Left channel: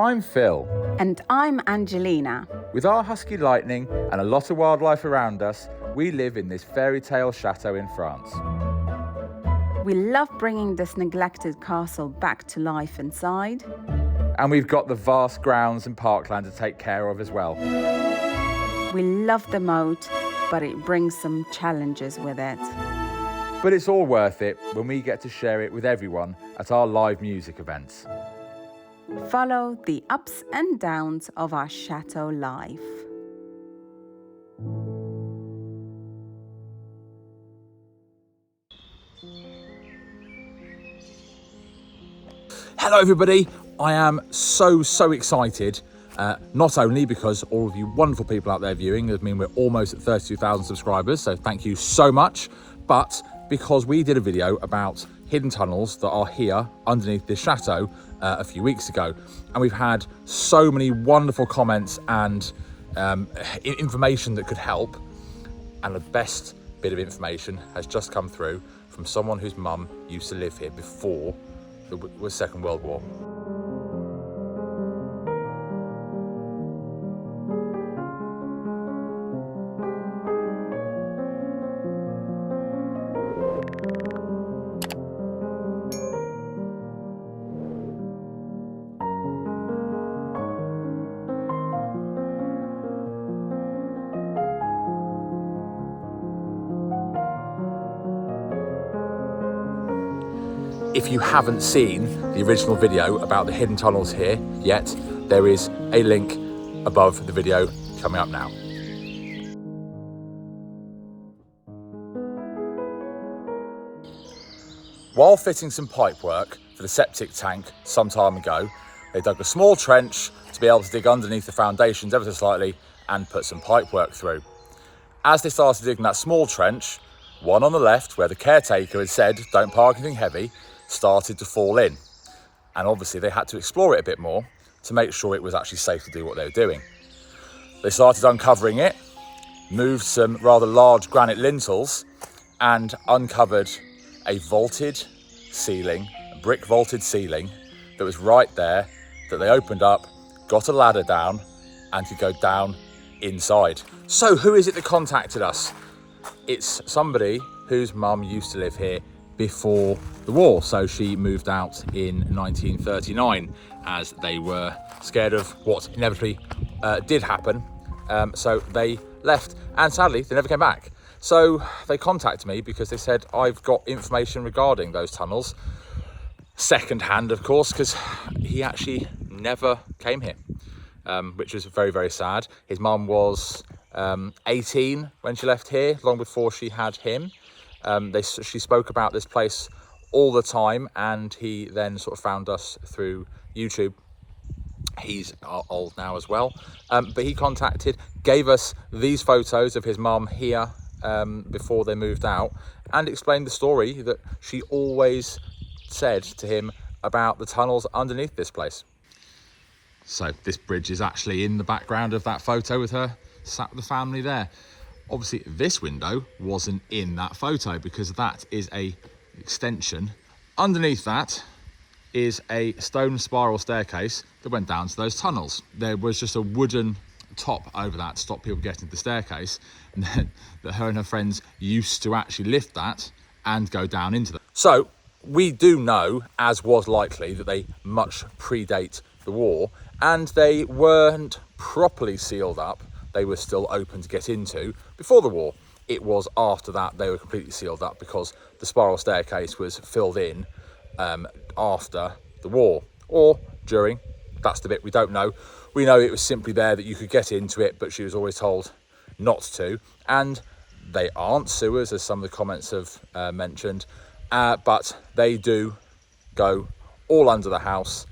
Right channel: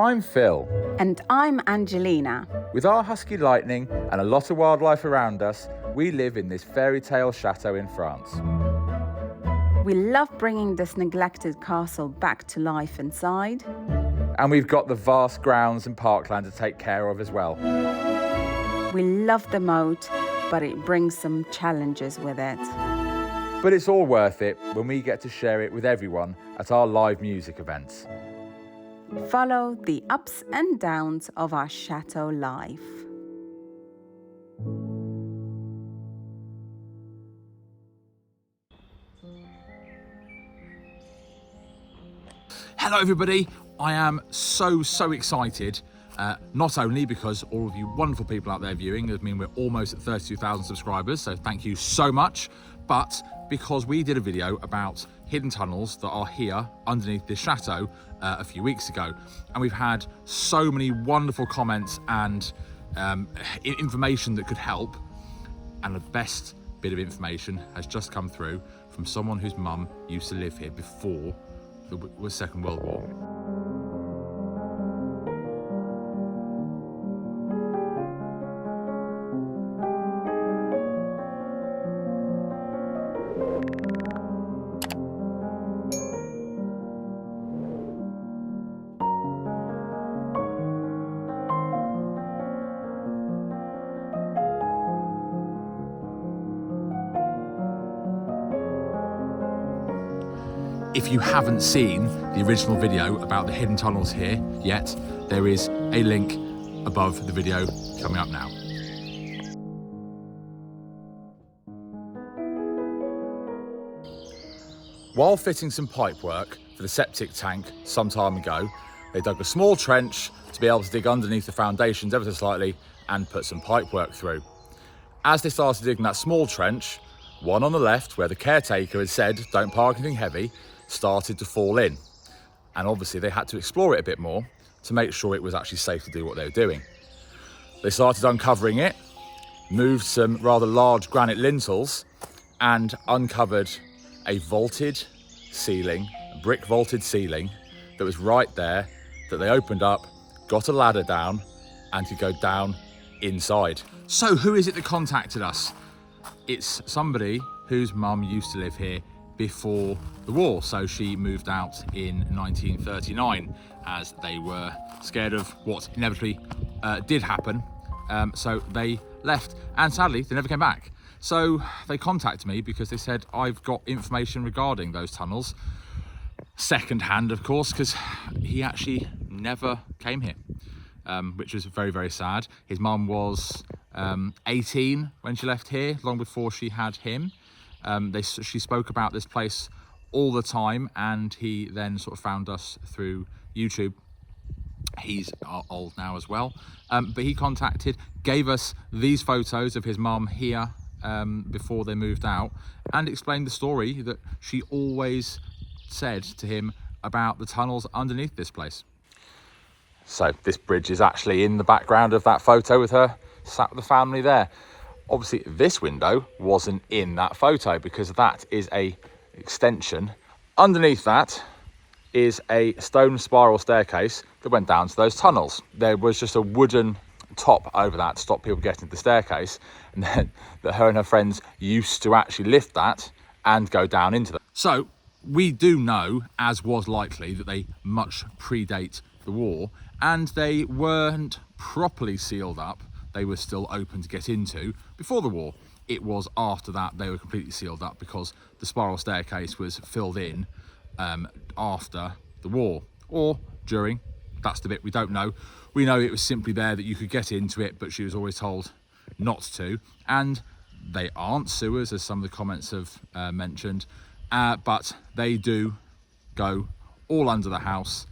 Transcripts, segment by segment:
I'm Phil. And I'm Angelina. With our husky lightning and a lot of wildlife around us, we live in this fairy tale chateau in France. We love bringing this neglected castle back to life inside. And we've got the vast grounds and parkland to take care of as well. We love the moat, but it brings some challenges with it. But it's all worth it when we get to share it with everyone at our live music events. Follow the ups and downs of our chateau life. Hello everybody, I am so excited, not only because all of you wonderful people out there viewing, I mean we're almost at 32,000 subscribers, so thank you so much, but because we did a video about hidden tunnels that are here underneath this chateau a few weeks ago, and we've had so many wonderful comments and information that could help, and the best bit of information has just come through from someone whose mum used to live here before the Second World War. If you haven't seen the original video about the hidden tunnels here yet, there is a link above the video coming up now. While fitting some pipe work for the septic tank some time ago, they dug a small trench to be able to dig underneath the foundations ever so slightly and put some pipe work through. As they started digging that small trench, one on the left where the caretaker had said don't park anything heavy, started to fall in, and obviously they had to explore it a bit more to make sure it was actually safe to do what they were doing. They started uncovering it, moved some rather large granite lintels, and uncovered a vaulted ceiling, a brick vaulted ceiling that was right there, that they opened up, got a ladder down, and could go down inside. So who is it that contacted us? It's somebody whose mum used to live here before the war, so she moved out in 1939 as they were scared of what inevitably did happen, so they left, and sadly they never came back. So they contacted me because they said I've got information regarding those tunnels, second hand of course, because he actually never came here, which was very sad. His mum was 18 when she left here, long before she had him. She spoke about this place all the time, and he then sort of found us through YouTube. He's old now as well, but he gave us these photos of his mum here before they moved out, and explained the story that she always said to him about the tunnels underneath this place. So this bridge is actually in the background of that photo with her sat with the family there. Obviously this window wasn't in that photo because that is a extension. Underneath that is a stone spiral staircase that went down to those tunnels. There was just a wooden top over that to stop people getting to the staircase, and then that her and her friends used to actually lift that and go down into that. So we do know, as was likely, that they much predate the war, and they weren't properly sealed up. They were still open to get into before the war. It was after that they were completely sealed up because the spiral staircase was filled in after the war, or during. That's the bit we don't know. We know it was simply there that you could get into it, but she was always told not to. And they aren't sewers, as some of the comments have mentioned, but they do go all under the house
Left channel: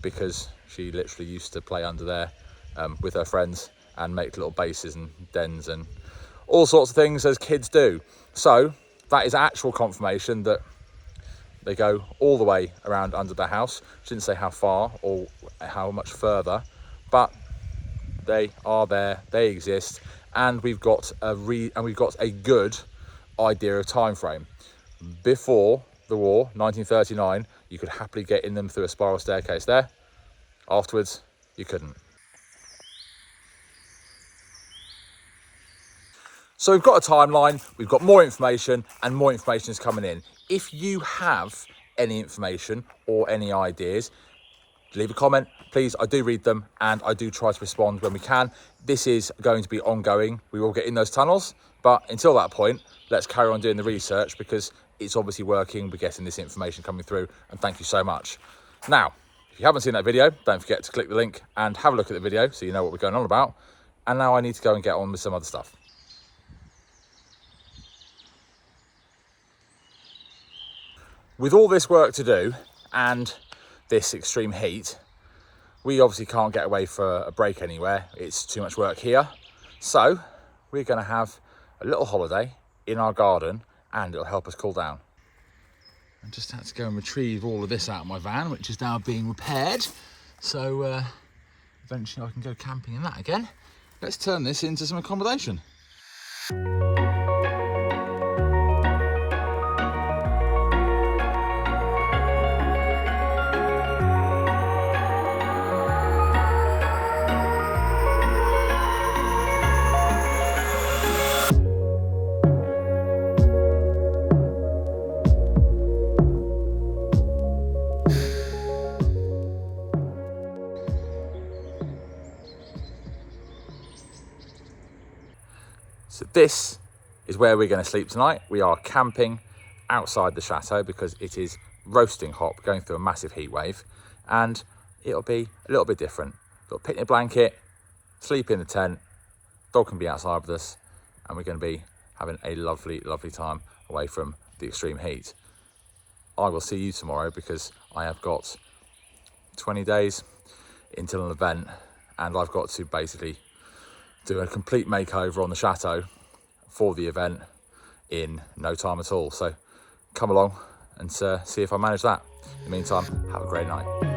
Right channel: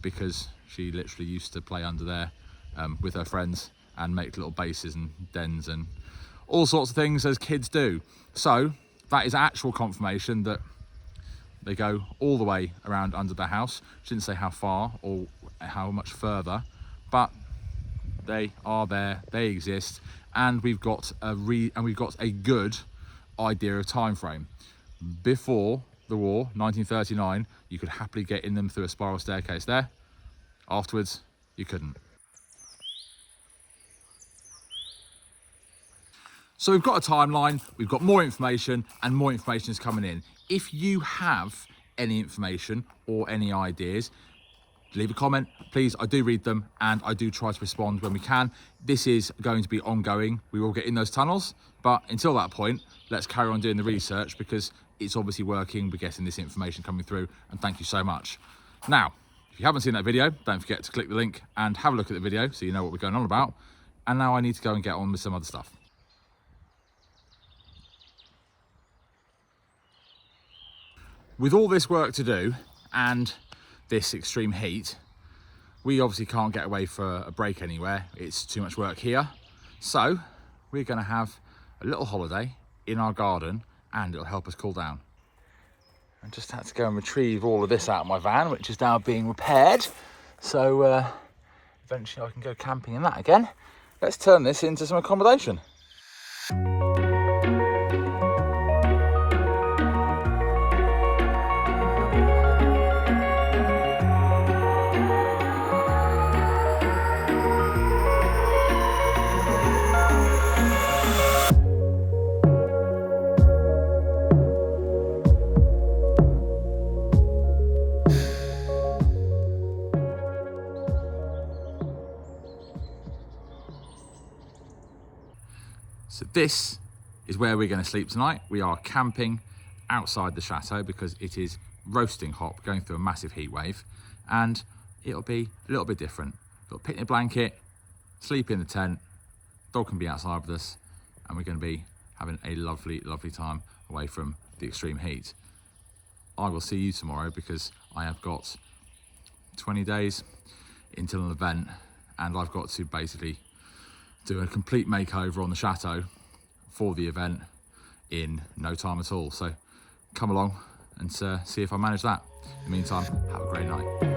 because she literally used to play under there with her friends and make little bases and dens and all sorts of things as kids do. So that is actual confirmation that they go all the way around under the house. She didn't say how far or how much further, but they are there, they exist, and we've got a good idea of time frame. Before the war, 1939, you could happily get in them through a spiral staircase there. Afterwards, you couldn't. So we've got a timeline, we've got more information, and more information is coming in. If you have any information or any ideas, leave a comment, please. I do read them and I do try to respond when we can. This is going to be ongoing. We will get in those tunnels, but until that point, let's carry on doing the research because it's obviously working. We're getting this information coming through, and thank you so much. Now, if you haven't seen that video, don't forget to click the link and have a look at the video so you know what we're going on about. And now I need to go and get on with some other stuff. With all this work to do and this extreme heat, we obviously can't get away for a break anywhere. It's too much work here. So we're going to have a little holiday in our garden and it'll help us cool down. I just had to go and retrieve all of this out of my van, which is now being repaired. So eventually I can go camping in that again. Let's turn this into some accommodation. So this is where we're going to sleep tonight. We are camping outside the chateau because it is roasting hot, going through a massive heat wave, and it'll be a little bit different. Got a picnic blanket, sleep in the tent, dog can be outside with us, and we're going to be having a lovely, lovely time away from the extreme heat. I will see you tomorrow because I have got 20 days until an event, and I've got to basically do a complete makeover on the chateau for the event in no time at all. So come along and see if I manage that. In the meantime, have a great night.